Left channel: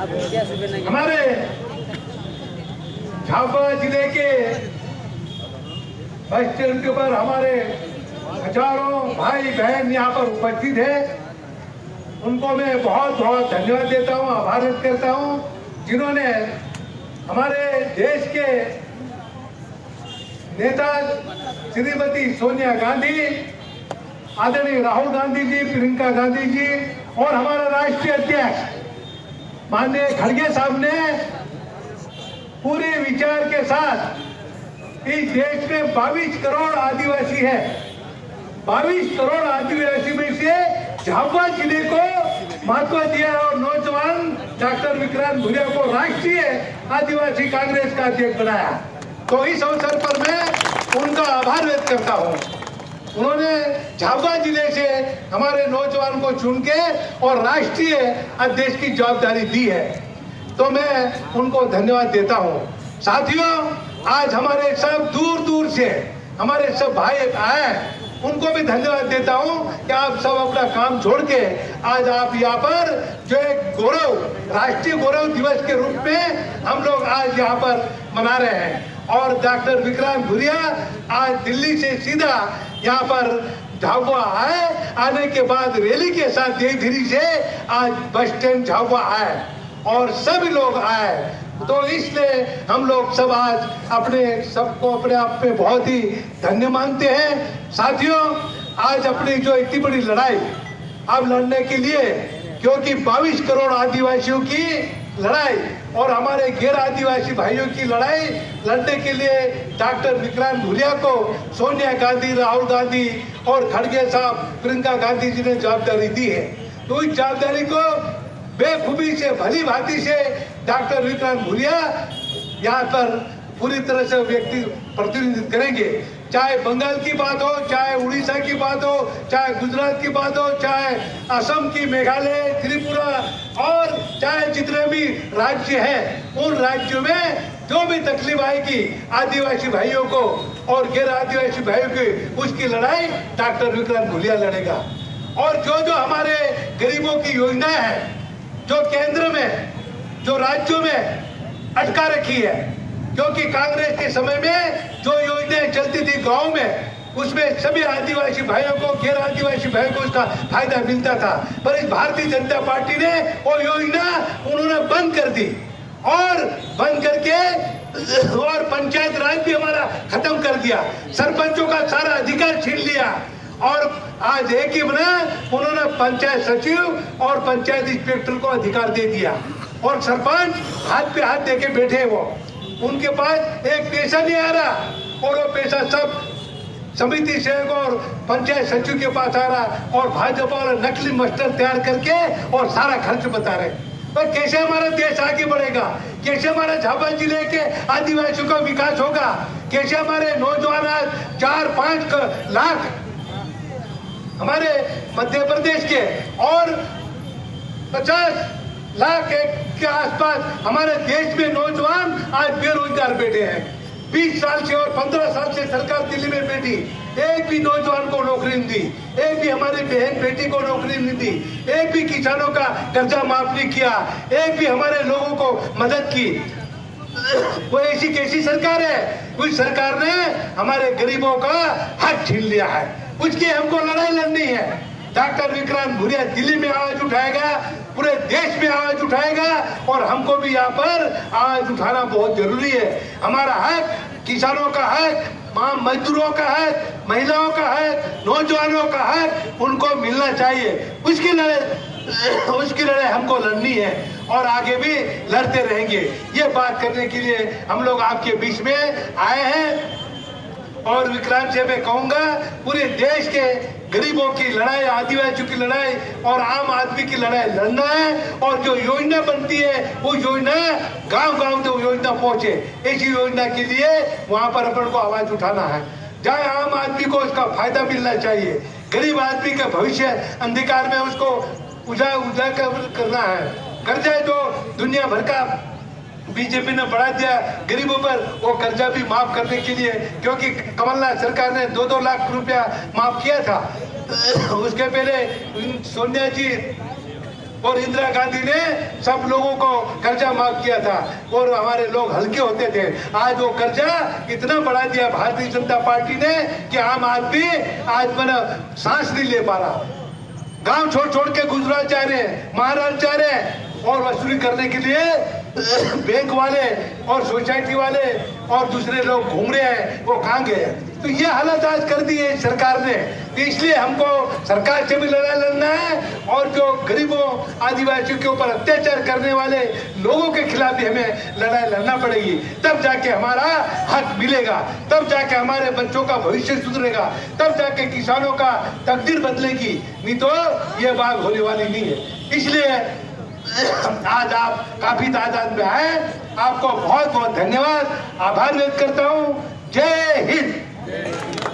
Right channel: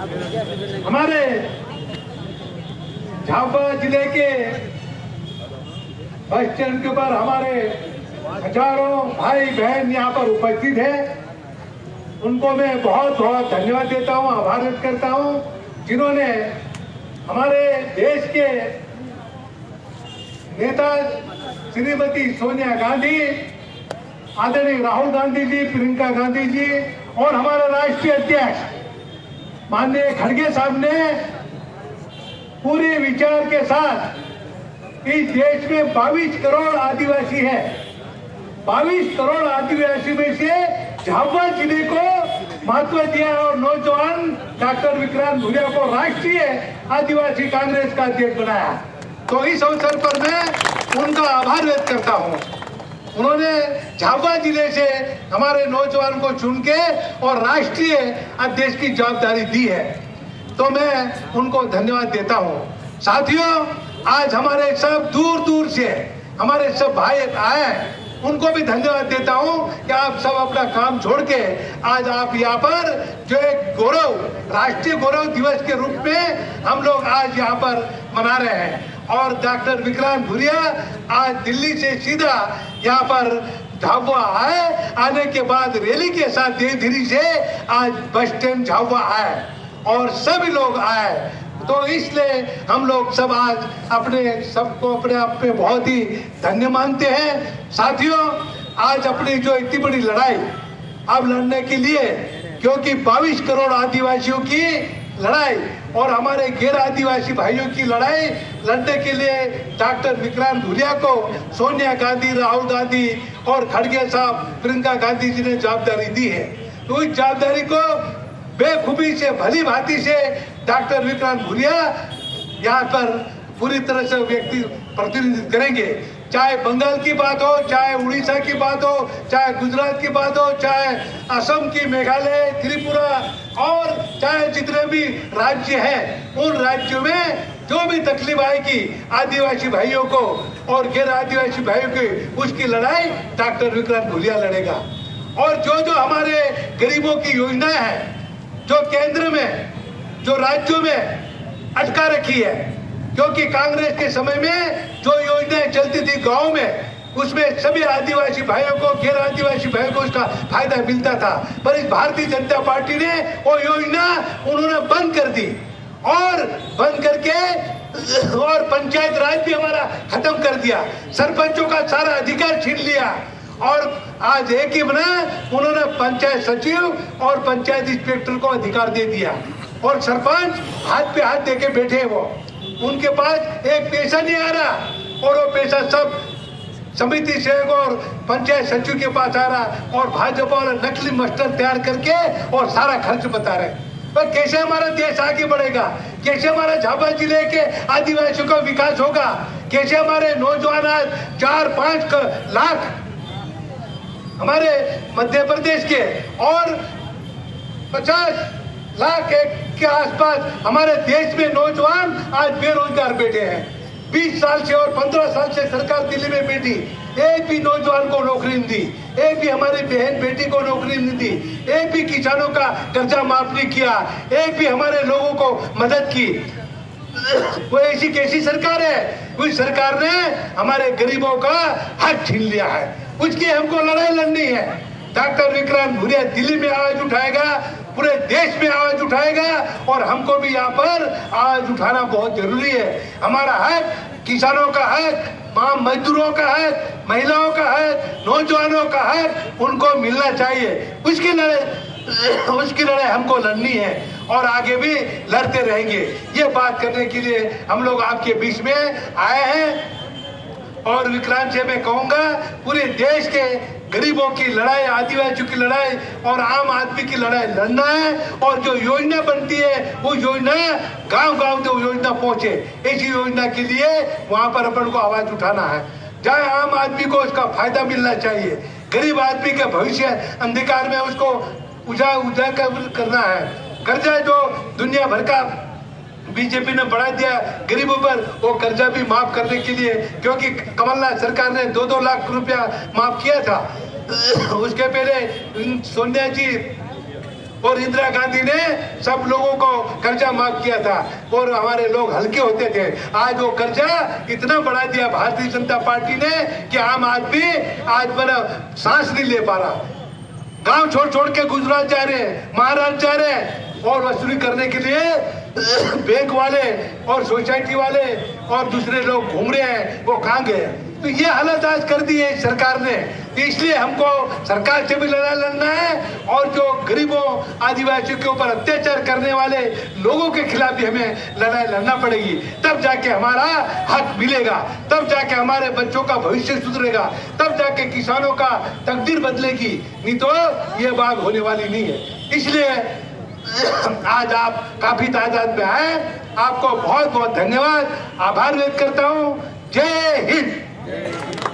हमारे झाबुआ जिले के बस स्टैंड के ऊपर हमारे हजारों भाई बहन यहाँ पर उपस्थित है। उनको मैं बहुत बहुत धन्यवाद देता हूँ, आभार व्यक्त करता हूँ, जिन्होंने हमारे देश के नेता श्रीमती सोनिया गांधी, आदरणीय राहुल गांधी जी, प्रियंका गांधी जी और हमारा राष्ट्रीय अध्यक्ष माननीय खड़गे साहब ने पूरे विचार के साथ इस देश में 22 करोड़ आदिवासी है। 22 करोड़ आदिवासी में से झाबुआ जिले को महत्व दिया और नौजवान डॉक्टर विक्रांत भूरिया को राष्ट्रीय आदिवासी कांग्रेस का अध्यक्ष बनाया। तो इस अवसर पर मैं उनका आभार व्यक्त करता हूँ। उन्होंने झाबुआ जिले से हमारे नौजवान को चुन के और राष्ट्रीय अध्यक्ष की जवाबदारी दी है, तो मैं उनको धन्यवाद देता हूँ। साथियों, आज हमारे सब दूर दूर से हमारे सब भाई आए, उनको भी धन्यवाद देता हूँ कि आप सब अपना काम छोड़ के आज आप यहाँ पर जो एक गौरव, राष्ट्रीय गौरव दिवस के रूप में हम लोग आज यहाँ पर मना रहे हैं। और डॉक्टर विक्रांत भूरिया आज दिल्ली से सीधा यहाँ पर झाबुआ आए, आने के बाद रैली के साथ धीरे से आज बस स्टैंड झाबुआ आए और सभी लोग आए। तो इसलिए हम लोग सब आज अपने सबको अपने आप में बहुत ही धन्य मानते हैं। साथियों, आज अपनी जो इतनी बड़ी लड़ाई अब लड़ने के लिए, क्योंकि 22 करोड़ आदिवासियों की लड़ाई और हमारे गैर आदिवासी भाइयों की लड़ाई लड़ने के लिए डॉक्टर विक्रांत भूरिया को सोनिया गांधी, राहुल गांधी और खड़गे साहब, प्रियंका गांधी जी ने जवाबदारी दी है। तो इस जवाबदारी को बेखूबी से, भली भांति से डॉक्टर विक्रांत भूरिया यहाँ पर पूरी तरह से व्यक्ति प्रतिनिधित्व करेंगे। चाहे बंगाल की बात हो, चाहे उड़ीसा की बात हो, चाहे गुजरात की बात हो, चाहे असम की, मेघालय, त्रिपुरा और चाहे जितने भी राज्य हैं, उन राज्यों में जो भी तकलीफ आएगी आदिवासी भाइयों को और गैर आदिवासी भाइयों की, उसकी लड़ाई डॉक्टर विक्रांत भूरिया लड़ेगा। और जो हमारे गरीबों की योजनाएं हैं, जो केंद्र में, जो राज्यों में अटका रखी है, क्योंकि कांग्रेस के समय में जो योजनाएं चलती थी गांव में, उसमें सभी आदिवासी भाइयों को, गैर आदिवासी भाइयों को उसका फायदा मिलता था। पर इस भारतीय जनता पार्टी ने वो योजना उन्होंने बंद कर दी और बंद करके और पंचायत राज भी हमारा खत्म कर दिया, सरपंचों का सारा अधिकार छीन लिया और आज एक ही बना, उन्होंने पंचायत सचिव और पंचायत इंस्पेक्टर को अधिकार दे दिया और सरपंच हाथ पे हाथ देके बैठे, वो उनके पास एक पैसा नहीं आ रहा और वो पैसा सब समिति सेवक और पंचायत सचिव के पास आ रहा और भाजपा वाले नकली मास्टर तैयार करके और सारा खर्च बता रहे। पर कैसे हमारा देश आगे बढ़ेगा, कैसे हमारे झाबुआ जिले के आदिवासियों का विकास होगा, कैसे हमारे नौजवान आज 4-5 लाख हमारे मध्य प्रदेश के और 50 लाख के आसपास हमारे देश में नौजवान आज बेरोजगार बैठे हैं। 20 साल से और 15 साल से सरकार दिल्ली में बैठी, एक भी नौजवान को नौकरी नहीं दी, एक भी हमारी बहन बेटी को नौकरी नहीं दी, एक भी किसानों का कर्जा माफ नहीं किया, एक भी हमारे लोगों को मदद की। वो ऐसी कैसी सरकार है? उस सरकार ने हमारे गरीबों का हक छीन लिया है, उसकी हमको लड़ाई लड़नी है। डॉक्टर विक्रांत भूरिया दिल्ली में आवाज उठाएगा, पूरे देश में आवाज उठाएगा और हमको भी यहाँ पर आवाज उठाना बहुत जरूरी है। हमारा हक, किसानों का हक, मजदूरों का हक, महिलाओं का हक, नौजवानों का हक उनको मिलना चाहिए। उसकी लड़ाई हमको लड़नी है और आगे भी लड़ते रहेंगे। ये बात करने के लिए हम लोग आपके बीच में आए हैं और विक्रांत से मैं कहूंगा, पूरे देश के गरीबों की लड़ाई, आदिवासियों की लड़ाई और आम आदमी की लड़ाई लड़ना है और जो योजना बनती है वो योजना गांव-गांव जो योजना पहुंचे, ऐसी योजना के लिए वहां पर अपन को आवाज उठाना है, जहाँ आम आदमी को उसका फायदा मिलना चाहिए, गरीब आदमी का भविष्य अंधकार में उसको उजागर करना है। कर्जा जो दुनिया भर का बीजेपी ने बढ़ा दिया गरीबों पर, वो कर्जा भी माफ करने के लिए, क्योंकि कमलनाथ सरकार ने 2-2 लाख रुपया माफ किया था, उसके पहले सोनिया जी और इंदिरा गांधी ने सब लोगों को कर्जा माफ किया था और हमारे लोग हल्के होते थे। आज वो कर्जा इतना बढ़ा दिया भारतीय जनता पार्टी ने कि आम आदमी आज मतलब सांस नहीं ले पा रहा। गांव छोड़ छोड़ के गुजरात जा रहे हैं, महाराष्ट्र जा रहे हैं और वसूली करने के लिए बैंक वाले और सोसाइटी वाले और दूसरे लोग घूम रहे हैं, वो कहाँ गए? तो ये हालत आज कर दी है सरकार ने। तो इसलिए हमको सरकार से भी लड़ाई लड़ना है और जो गरीबों आदिवासियों के ऊपर अत्याचार करने वाले लोगों के खिलाफ भी हमें लड़ाई लड़ना पड़ेगी। तब जाके हमारा हक मिलेगा, तब जाके हमारे बच्चों का भविष्य सुधरेगा, तब जाके किसानों का तकदीर बदलेगी, नहीं तो ये बात होने वाली नहीं है। इसलिए आज आप काफी तादाद में आए, आपको बहुत बहुत धन्यवाद, आभार व्यक्त करता हूँ। जय हिंद।